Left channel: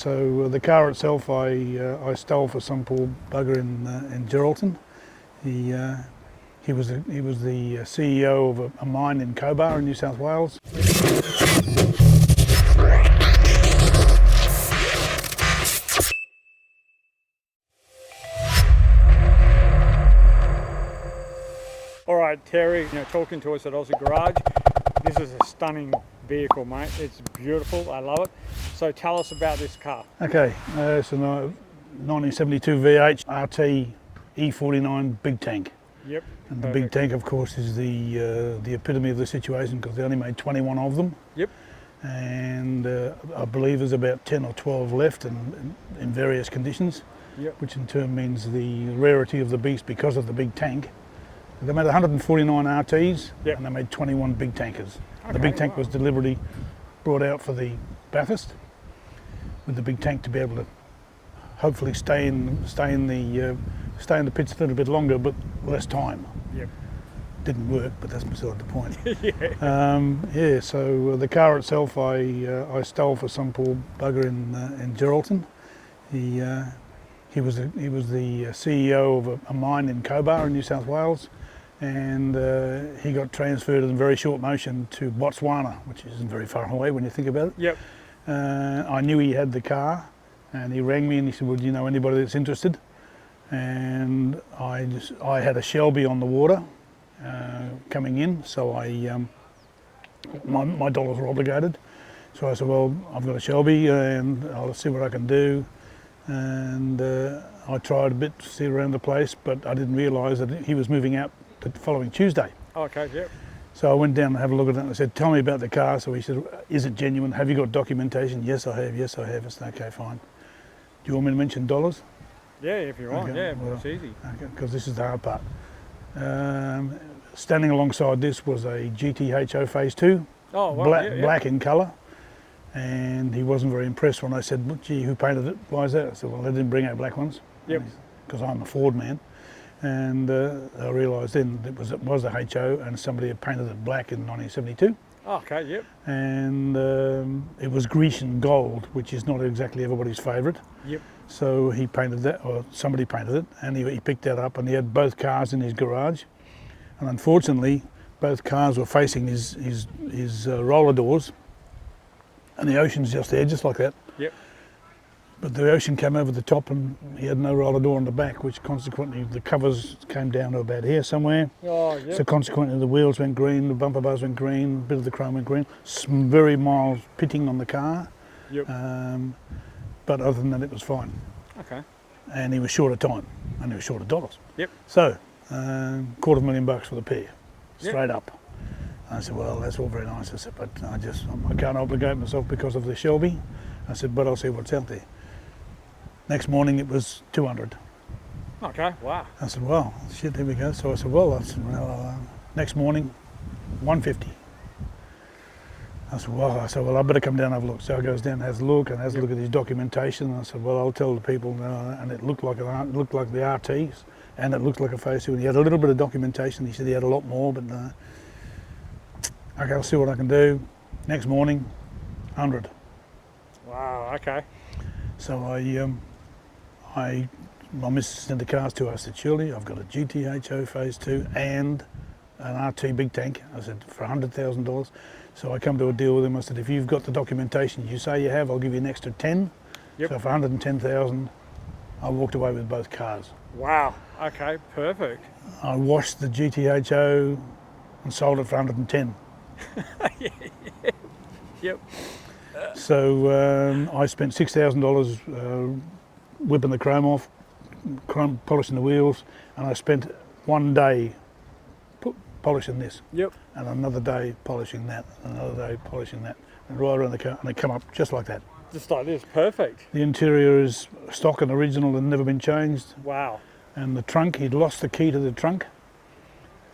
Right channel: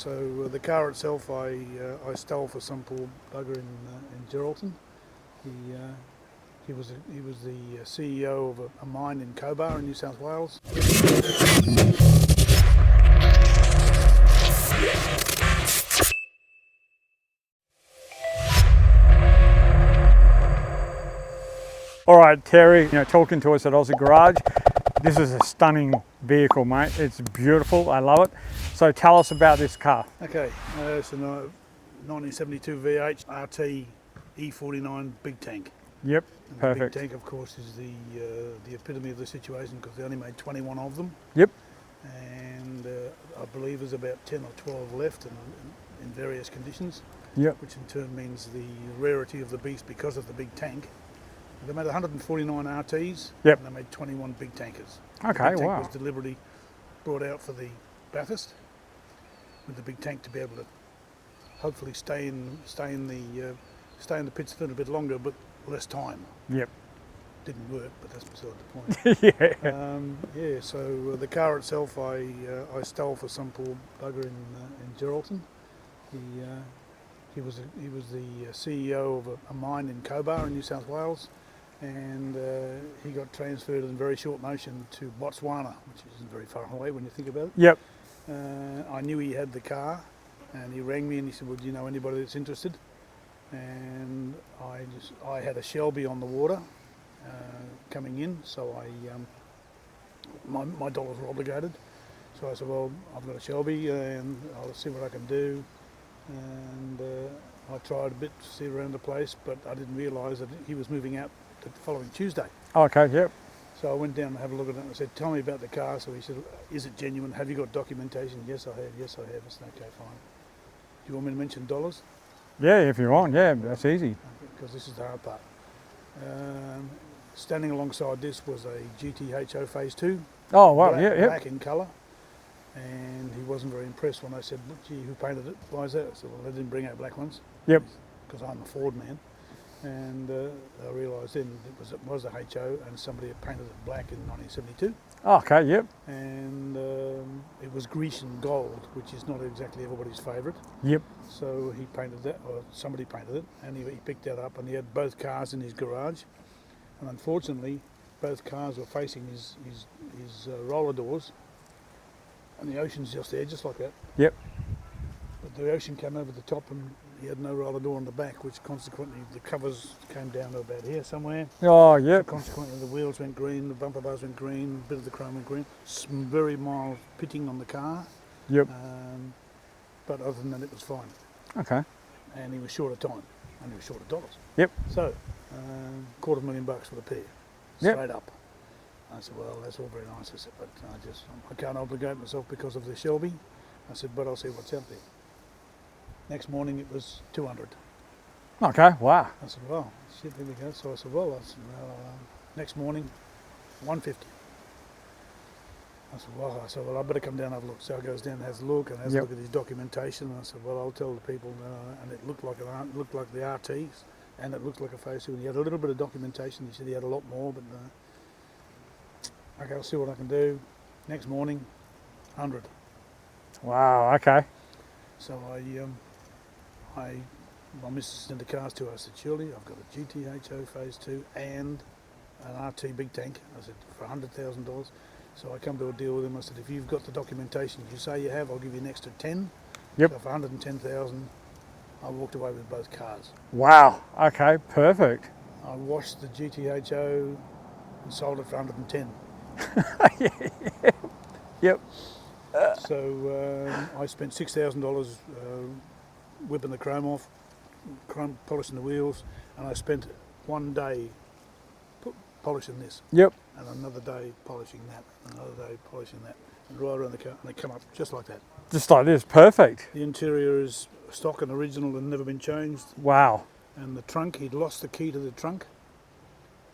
So the car itself, I stole for some poor bugger in Geraldton. He was the CEO of a mine in Cobar in New South Wales. All right, Terry, talking to us at Aussie Garage. This is a stunning vehicle, mate. It's beautiful. I love it. So tell us about this car. Okay, it's a 1972 V8 RT E49 Big Tank. Yep. And the Big Tank, of course, is the epitome of the situation because they only made 21 of them. Yep. And I believe there's about 10 or 12 left in various conditions. Yep. Which in turn means the rarity of the beast because of the big tank. They made 149 RTs, yep, and they made 21 big tankers. Okay, the big tank wow. was deliberately brought out for the Bathurst, with the big tank to be able to hopefully stay in the pits a little bit longer, but less time. Yep. Didn't work, but that's beside the point. Yeah. Yeah. So the car itself, I stole for some poor bugger in Geraldton. He was the CEO of a mine in Cobar in New South Wales. And he got transferred in very short motion to Botswana, which isn't very far away when you think about it. Yep. I knew he had the car, and he rang me and he said, "Well, do you know anybody that's interested?" And I had a Shelby on the water coming in, so my dollars were obligated. So I said, "Well, I've got a Shelby, and I'll see what I can do." And I tried a bit to see around the place, but I didn't realise that he was moving out the following Tuesday. Okay, yep. So I went down and had a look at it and I said, "Tell me about the car." So he said, "Is it genuine? Have you got documentation?" "Yes, I have. Yes, I have." I said, "Okay, fine. Do you want me to mention dollars?" Yeah, if you want, okay, yeah, well, that's easy. Because this is the hard part. Standing alongside this was a GTHO Phase 2. Oh, wow, Black in colour. And he wasn't very impressed when I said, "Well, gee, who painted it? Why is that?" I said, "Well, they didn't bring out black ones." Yep. Because I'm a Ford man. And I realised then it was a HO and somebody had painted it black in 1972. Okay, yep. And it was Grecian gold, which is not exactly everybody's favourite. Yep. So he painted that, or somebody painted it, and he picked that up, and he had both cars in his garage. And unfortunately, both cars were facing his roller doors, and the ocean's just there, just like that. Yep. But the ocean came over the top and he had no roller door on the back, which consequently the covers came down to about here somewhere. Oh, yeah. So consequently the wheels went green, the bumper bars went green, a bit of the chrome went green. Some very mild pitting on the car. Yep. But other than that, it was fine. Okay. And he was short of time, and he was short of dollars. Yep. So, $250,000 for the pair, straight up. I said, "Well, that's all very nice." I said, "But I can't obligate myself because of the Shelby." I said, "But I'll see what's out there." Next morning it was 200. Okay, wow. I said, "Well, shit, there we go." So I said, "Well, next morning, 150. I said, "Well, I better come down and have a look." So I goes down and has a look and has a look at his documentation. And I said, "Well, I'll tell the people." And it looked like the RTs, and it looked like a Phase 2. And he had a little bit of documentation. He said he had a lot more, but okay, I'll see what I can do. Next morning, 100. Wow, okay. So my missus sent the cars to us. I said, "Shirley, I've got a GTHO Phase 2 and an RT Big Tank." I said, "For $100,000. So I come to a deal with him. I said, "If you've got the documentation you say you have, I'll give you an extra 10. Yep. So for $110,000, I walked away with both cars. Wow, okay, perfect. I washed the GTHO and sold it for 110. Yep. So I spent $6,000 whipping the chrome off, polishing the wheels, and I spent one day polishing this. Yep. And another day polishing that, another day polishing that, and right around the car, and they come up just like that. Just like this, perfect. The interior is stock and original and never been changed. Wow. And the trunk, he'd lost the key to the trunk,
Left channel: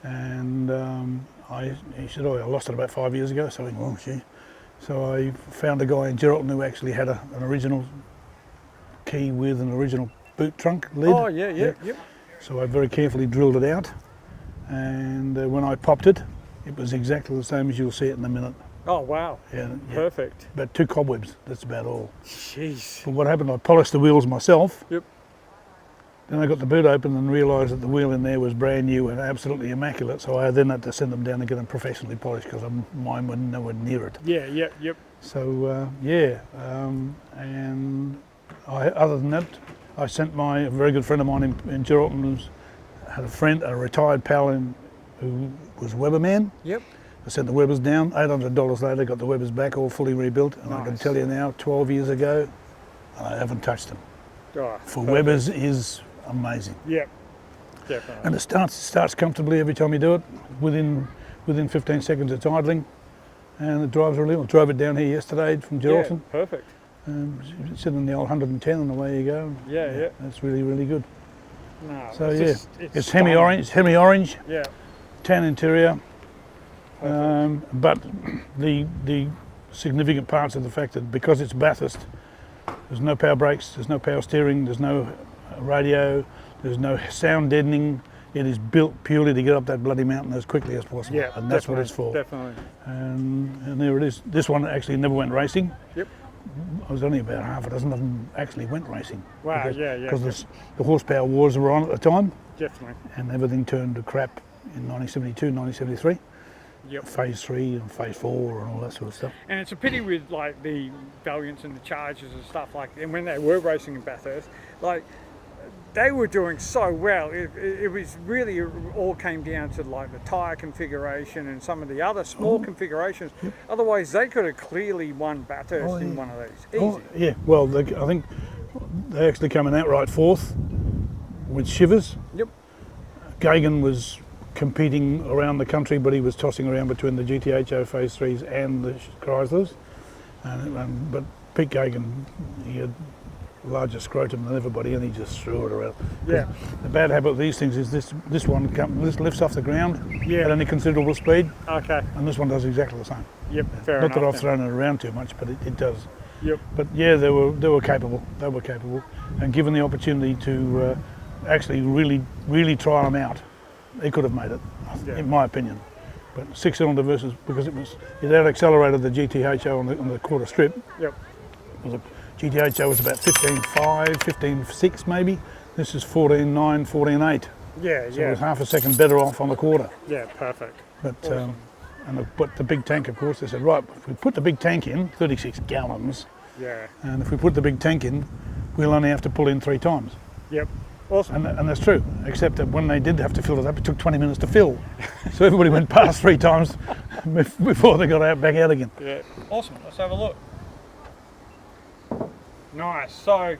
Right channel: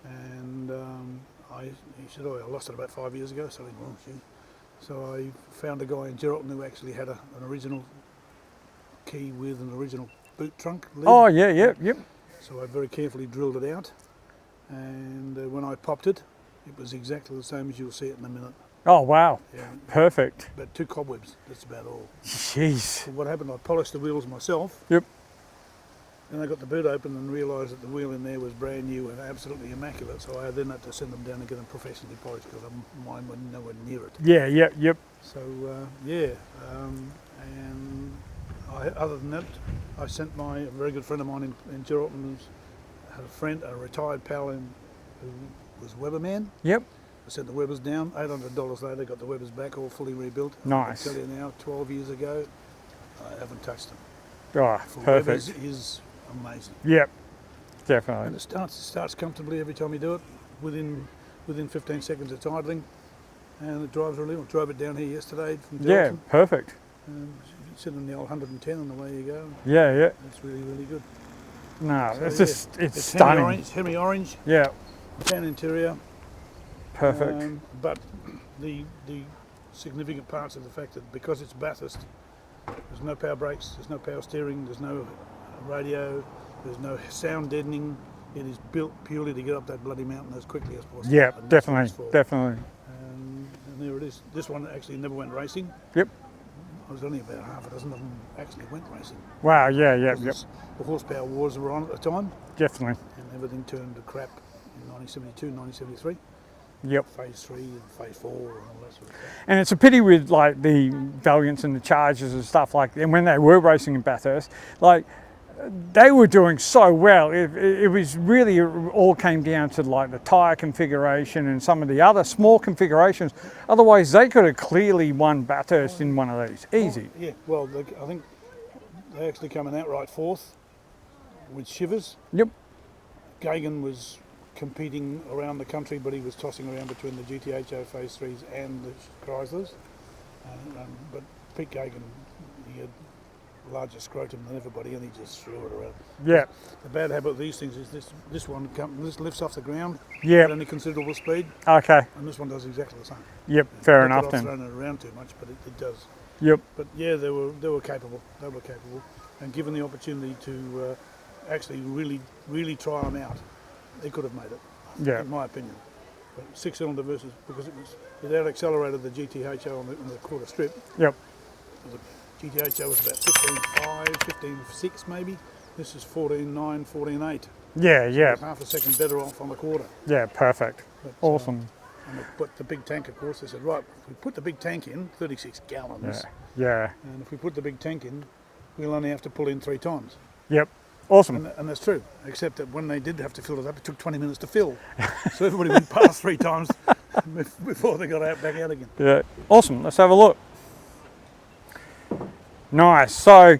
and he said, "Oh, I lost it about 5 years ago." So I went, "Oh, gee." So I found a guy in Geraldton who actually had an original key with an original boot trunk lid. Oh, yeah, yep. So I very carefully drilled it out, and when I popped it, it was exactly the same as you'll see it in a minute. Oh, wow. Yeah, Perfect. about 2 cobwebs. That's about all. Jeez. But what happened? I polished the wheels myself. Yep. Then I got the boot open and realised that the wheel in there was brand new and absolutely immaculate. So I then had to send them down and get them professionally polished because mine were nowhere near it. Yeah, yep. So and other than that, I sent a very good friend of mine in Geraldton had a retired pal who was Weberman. Yep. I sent the Webers down. $800 later, got the Webers back all fully rebuilt. And I can Nice. tell you now, 12 years ago, I haven't touched them. Oh, For perfect. Webers is amazing. Yep. Definitely. And it starts comfortably every time you do it. Within 15 seconds it's idling, and it drives really well. I drove it down here yesterday from Yeah, Geraldton. perfect. Sitting in the old 110 and away you go. Yeah. That's really, really good. No, So, it's yeah. just, it's It's stunning. hemi orange, Yeah, tan interior. perfect. But the significant parts of the fact that because it's Bathurst, there's no power brakes, there's no power steering, there's no radio, there's no sound deadening. It is built purely to get up that bloody mountain as quickly as possible. Yeah, and that's what it's definitely, for. definitely. And there it is. This one actually never went racing. Yep. I was only about half a dozen of them actually went racing. Wow, yeah, Because the horsepower wars were on at the time, definitely. and everything turned to crap in 1972, 1973. Yep. Phase 3 and Phase 4 and all that sort of stuff. And it's a pity with like the Valiants and the Chargers and stuff like, and when they were racing in Bathurst, like they were doing so well. It was really all came down to like the tyre configuration and some of the other small configurations. Yep. Otherwise, they could have clearly won Bathurst in one of these. Easy. Yeah, well, I think they actually came in outright fourth with Shivers. Yep. Gagan was competing around the country, but he was tossing around between the GTHO Phase 3s and the Chryslers. But Pete Gagan, he had larger scrotum than everybody, and he just threw it around. Yeah. The bad habit of these things is this lifts off the ground Yeah. at any considerable speed, Okay. and this one does exactly the same. Yep. Fair Not enough. that I've Then. thrown it around too much, but it does. Yep. But yeah, they were capable. They were capable, and given the opportunity to actually really try them out, they could have made it, Yeah. in my opinion. But 6-cylinder versus, because it out accelerated the GTHO on the quarter strip. Yep. GTHO was about 15.5, 15.6 maybe. This is 14.9, 14.8. Yeah. So it Yeah. was half a second better off on the quarter. Yeah. Perfect. But, Awesome. but the big tank, of course, they said, right, if we put the big tank in, 36 gallons, Yeah. and if we put the big tank in, we'll only have to pull in 3 times. Yep. Awesome. And that's true, except that when they did have to fill it up, it took 20 minutes to fill. So everybody went past 3 times before they got back out again. Yeah. Awesome. Let's have a look. Nice. So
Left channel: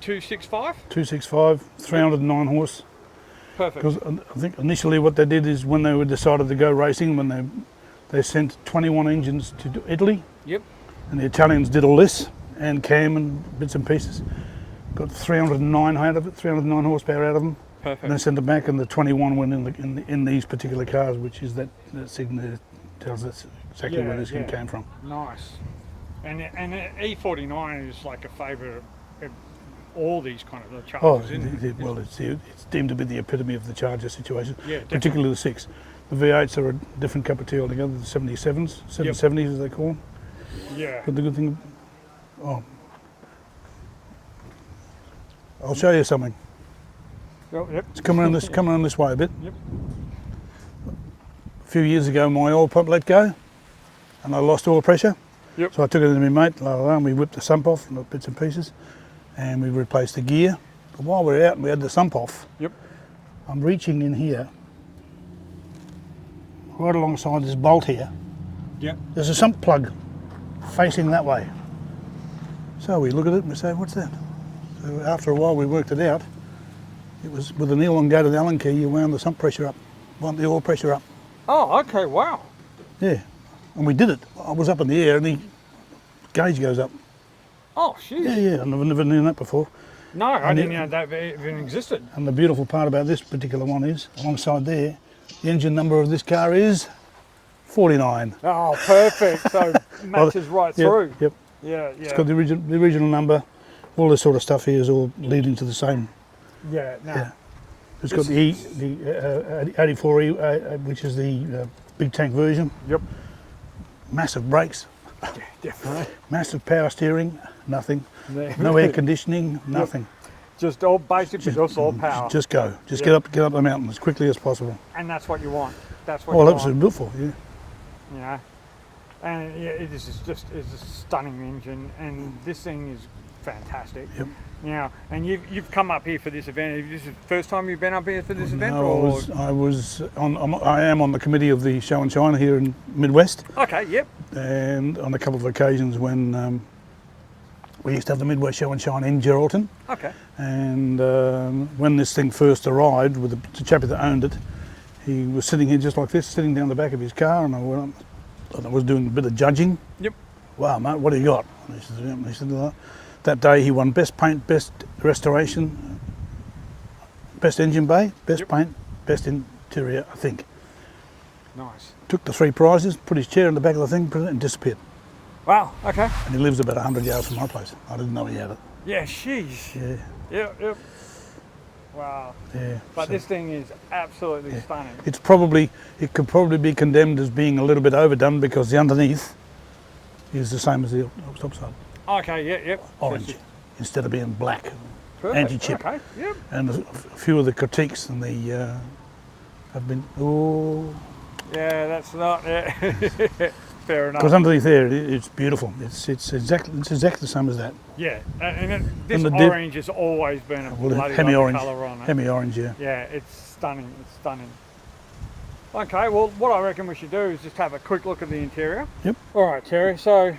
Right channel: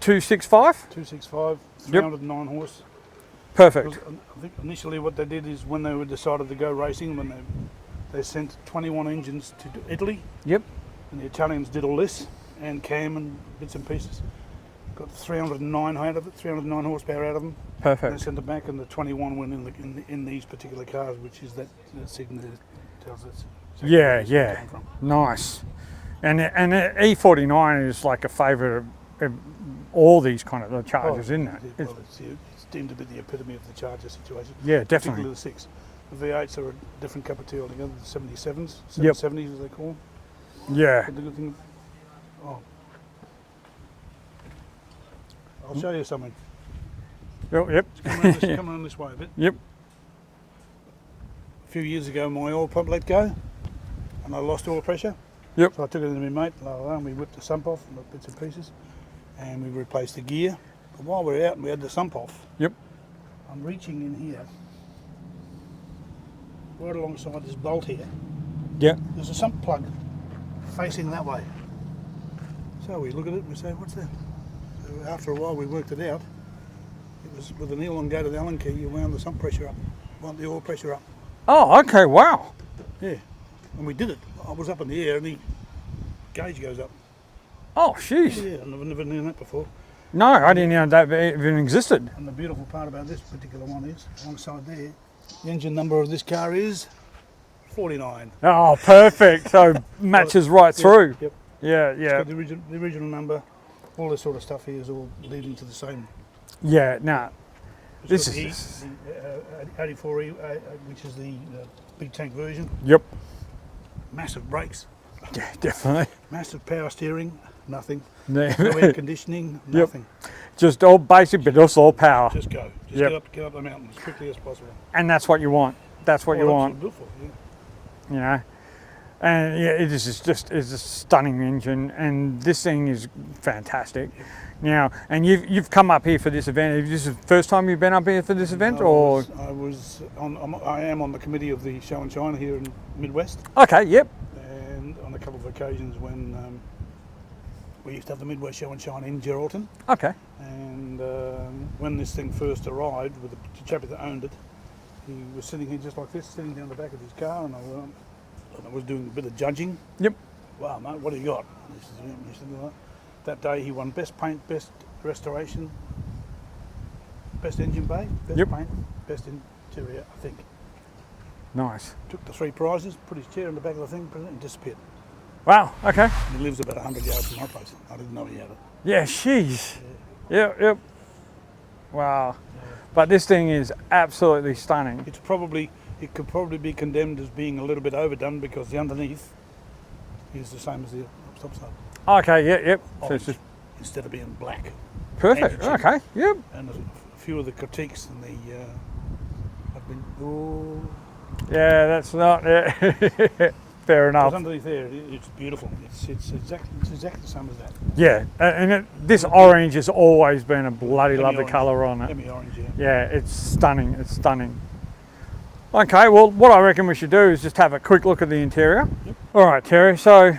265. 265, 309 horse. Perfect. Because I think initially what they did is when they decided to go racing, when they sent 21 engines to Italy, Yep. and the Italians did all this, and Cam and bits and pieces. Got 309 out of it, 309 horsepower out of them. And they Perfect. sent it back, and the 21 went in these particular cars, which is that signal that tells us exactly where this one came from. Nice. And E49 is like a favourite of all these kind of Chargers, isn't it? Well, it's deemed to be the epitome of the Charger situation. Yeah, definitely. Particularly the 6. The V8s are a different cup of tea altogether. The 77s, 770s as they call them. Yeah. But the good thing, I'll show you something. Yep. It's coming around this way a bit. Yep. A few years ago, my oil pump let go, and I lost oil pressure. Yep. So I took it to my mate, and we whipped the sump off, bits and pieces, and we replaced the gear. But while we were out and we had the sump off, Yep. I'm reaching in here, right alongside this bolt here. Yep. There's a sump plug facing that way. So we look at it and we say, what's that? So after a while we worked it out. It was with an elongated Allen key, you wound the sump pressure up, wound the oil pressure up. Oh, okay. Wow. Yeah, and we did it. I was up in the air and the gauge goes up. Oh, jeez. Yeah, I've never known that before. No, I didn't know that even existed. And the beautiful part about this particular one is, alongside there, the engine number of this car is 49. Oh, perfect. So matches right Yep, through. Yep. Yeah. It's got the original number. All this sort of stuff here is all leading to the same. Yeah. No. Yeah. It's This got the 84E, which is the big tank version. Yep. massive brakes, Yeah, definitely. massive power steering, nothing. Yeah. No air conditioning, nothing. Just all basic, but just all power. Just go. Just Yep. get up the mountain as quickly as possible. And that's what you want. That's what Well, you that's what want. it's built for. Yeah. You know, and yeah, it is just it's a stunning engine, and this thing is fantastic. Yep. Now, and you've come up here for this event. Is this the first time you've been up here for this event, No, or? I am on the committee of the Show and Shine here in Midwest, Okay, yep. and on a couple of occasions when we used to have the Midwest Show and Shine in Geraldton, Okay. and when this thing first arrived with the chappie that owned it, he was sitting here just like this, sitting down the back of his car, and I was doing a bit of judging. Yep. Wow, mate, what do you got? And he said, that day he won best paint, best restoration, best engine bay, best Yep. paint, best interior, I think. Nice. Took the 3 prizes, put his chair in the back of the thing, put it, and disappeared. Wow. Okay. And he lives about 100 yards from my place. I didn't know he had it. Yeah. Sheesh. Yeah, Yep. Yep. Wow. yeah. But this thing is absolutely stunning. It could probably be condemned as being a little bit overdone because the underneath is the same as the topside. Okay. Yep. Yep. Orange instead of being black. Perfect. Anti-chip. Okay. Yep. And a few of the critiques and have been, oh, Yeah. That's not. Yeah. Fair because enough. underneath there it's beautiful. It's exactly the same as that. Yeah. And this And the orange has always been a bloody lovely Hemi-orange. colour on it. Hemi-orange, yeah. Yeah, it's stunning. It's stunning. Okay, well, what I reckon we should do is just have a quick look at the interior. Yep. All right, Terry. So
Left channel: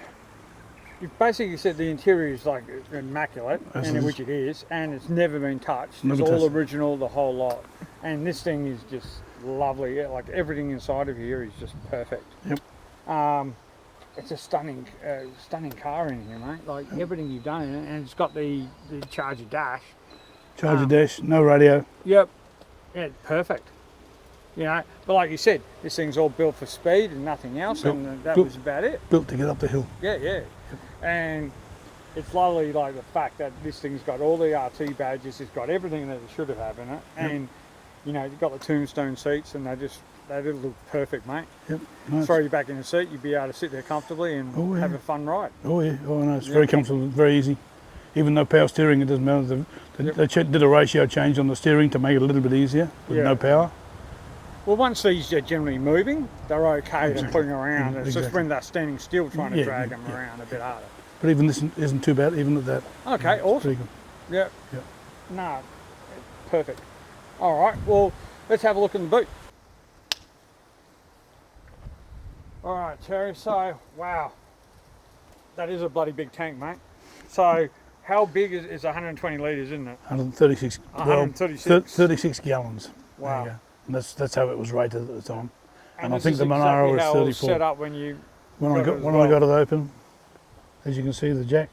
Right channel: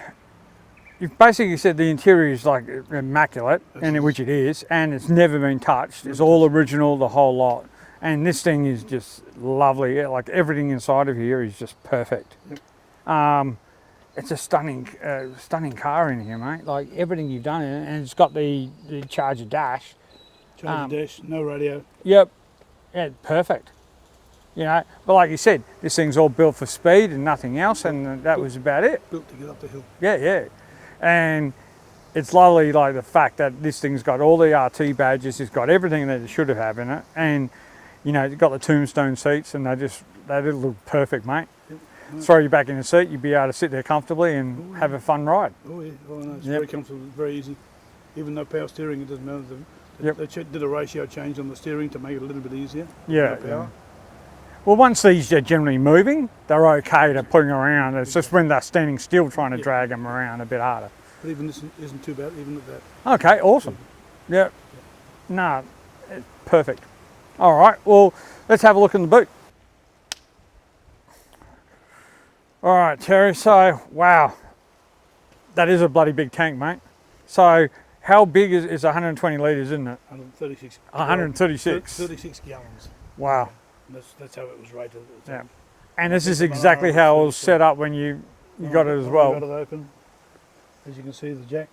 you've basically said the interior is like immaculate, As and is. which it is, and it's never been touched. It's Never all touched. original, the whole lot. And this thing is just lovely. Yeah, like everything inside of here is just perfect. Yep. It's a stunning car in here, mate. Like everything you've done in it, and it's got the Charger dash. Charger dash, no radio. Yep. Yeah, perfect. You know, but like you said, this thing's all built for speed and nothing else, and that was about it. Built to get up the hill. Yeah, yeah. And it's lovely, like the fact that this thing's got all the RT badges, it's got everything that it should have in it, and you know, it's got the tombstone seats, and they look perfect, mate. Yep. Nice. Throw you back in the seat, you'd be able to sit there comfortably and Oh, yeah. have a fun ride. Oh yeah, oh no, it's Yep. very comfortable, very easy. Even though power steering, it doesn't matter. Yep. They did a ratio change on the steering to make it a little bit easier with Yeah. no power. Well, once these are generally moving, they're okay to Exactly. putting around. It's just Exactly. when they're standing still trying to Yeah, drag them yeah. around a bit harder. But even this isn't too bad, even at that. Okay, awesome. Pretty Yeah. Yep. No, perfect. All right, well, let's have a look in the boot. All right, Terry, so, wow, that is a bloody big tank, mate. So, how big is 120 litres, isn't it? 136. 136. 36 gallons. Wow. Yeah. And that's how it was rated at the time. And And I this think is the Monaro exactly was how it was 34. set up when you When got it as when well. I got it open, as you can see, the jack,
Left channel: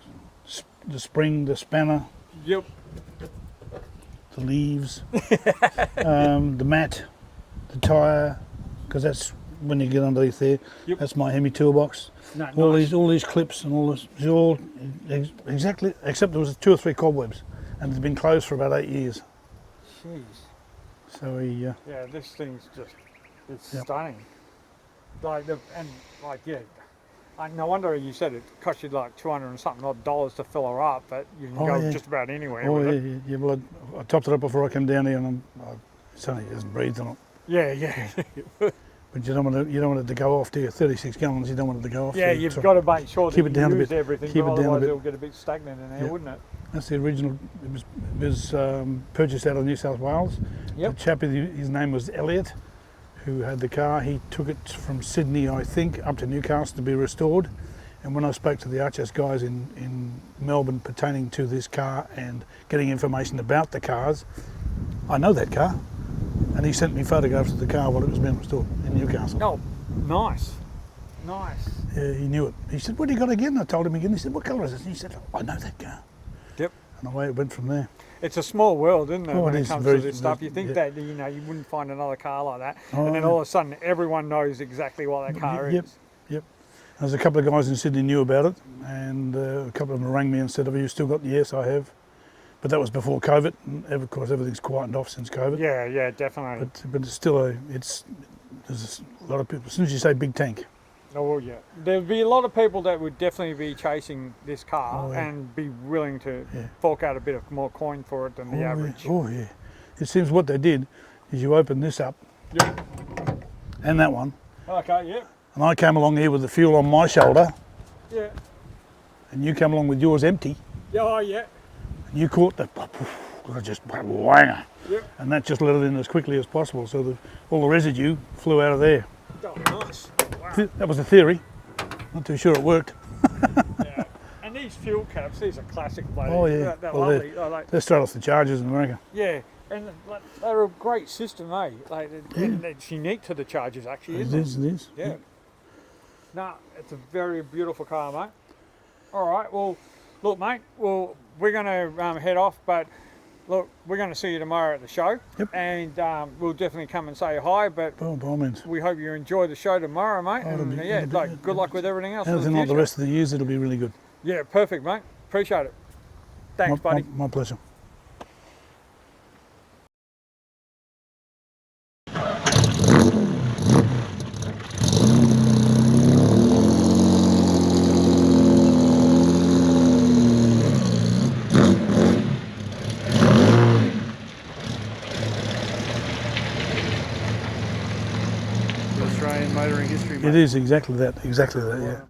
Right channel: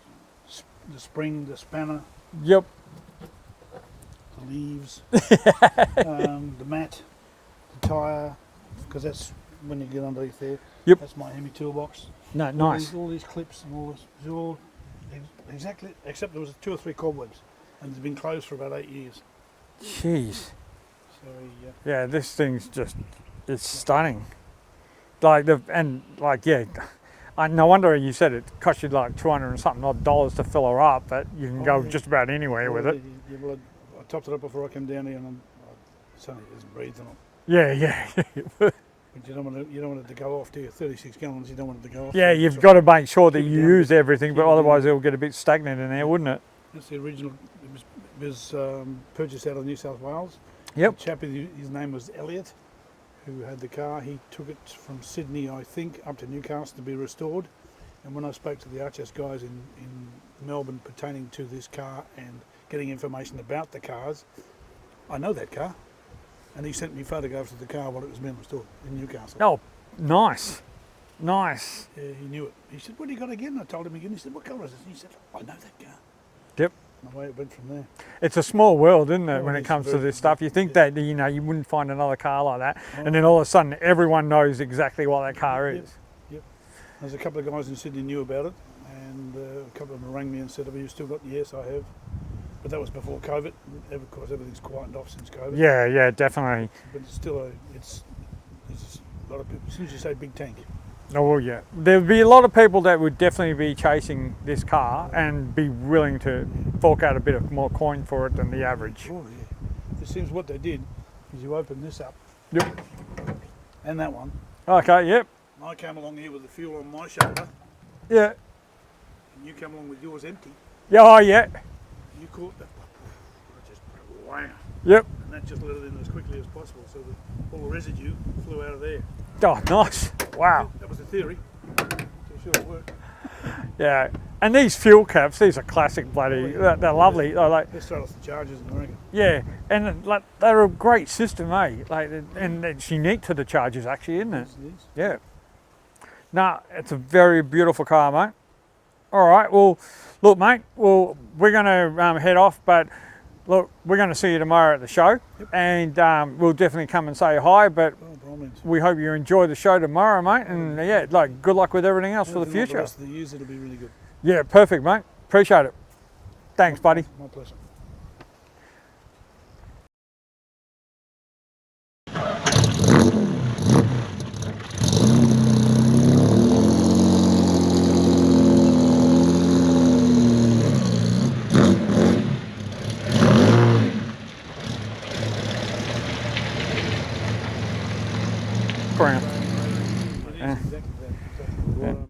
the spring, the spanner, Yep. the leaves, the mat, the tyre, because that's when you get underneath there. Yep. That's my Hemi toolbox. No, All these clips and all this, it's all exactly, except there was 2 or 3 cobwebs, and it's been closed for about 8 years. Jeez. So he, Yeah, this thing's just, it's Yep. stunning. No wonder you said it cost you like 200 and something odd dollars to fill her up, but you can Oh, go yeah. just about anywhere with it. yeah, well, I topped it up before I came down here, and it's only, it hasn't breathed on it. Yeah, yeah. But you don't want it to go off, do you? 36 gallons, you don't want it to go off. Yeah, so you've so got to make sure that keep it you down a use bit. everything, Keep but it down a otherwise bit. it'll get a bit stagnant in there, Yeah. wouldn't it? That's the original. It was purchased out of New South Wales. Yep. The chap, his name was Elliot, who had the car. He took it from Sydney, I think, up to Newcastle to be restored. And when I spoke to the RHS guys in Melbourne pertaining to this car and getting information about the cars, I know that car. And he sent me photographs of the car while it was being restored in Newcastle. Oh, nice. Nice. Yeah, he knew it. He said, "What do you got again?" I told him again. He said, "What colour is it?" And he said, "I know that car." Yep. And away it went from there. It's a small world, isn't it, Oh, when it it is comes to very- this stuff. You think yeah. that, you wouldn't find another car like that, and then Oh. all of a sudden everyone knows exactly what that car Yep. is. Yep. There's a couple of guys in Sydney knew about it, and a couple of them rang me and said, "Have you still got?" Yes, I have. But that was before COVID. And of course, everything's quietened off since COVID. Yeah, yeah, definitely. But it's still there's a lot of people. As soon as you say big tank, Oh well, yeah. There'd be a lot of people that would definitely be chasing this car and be willing to fork out a bit of more coin for it than the average. Yeah. Oh yeah. It seems what they did is you open this up, Yep. and that one, Okay. Yep. and I came along here with the fuel on my shoulder, Yeah. and you came along with yours empty. Yeah. Oh yeah. You caught the just wanger, Yep. and that just let it in as quickly as possible, so all the residue flew out of there. Oh, nice. Wow. That was the theory. Not too sure it worked. Yeah. And these fuel caps, these are classic bloody. Oh, yeah. They're Well, lovely. Like, They're straight off the Chargers in America. yeah, and like they're a great system, eh? Like, and it's unique to the Chargers, actually, isn't it? It is. Yeah. Nah, it's a very beautiful car, mate. All right. Well, look, mate. Well, we're going to head off, but look, we're going to see you tomorrow at the show, and we'll definitely come and say hi. But Oh, by all means. we hope you enjoy the show tomorrow, mate. And yeah, like good luck with everything else for the Anything like the future. rest of the years, it'll be really good. Yeah, perfect, mate. Appreciate it. Thanks, buddy. My pleasure. Australian motoring history. It is exactly that. Exactly that. Yeah.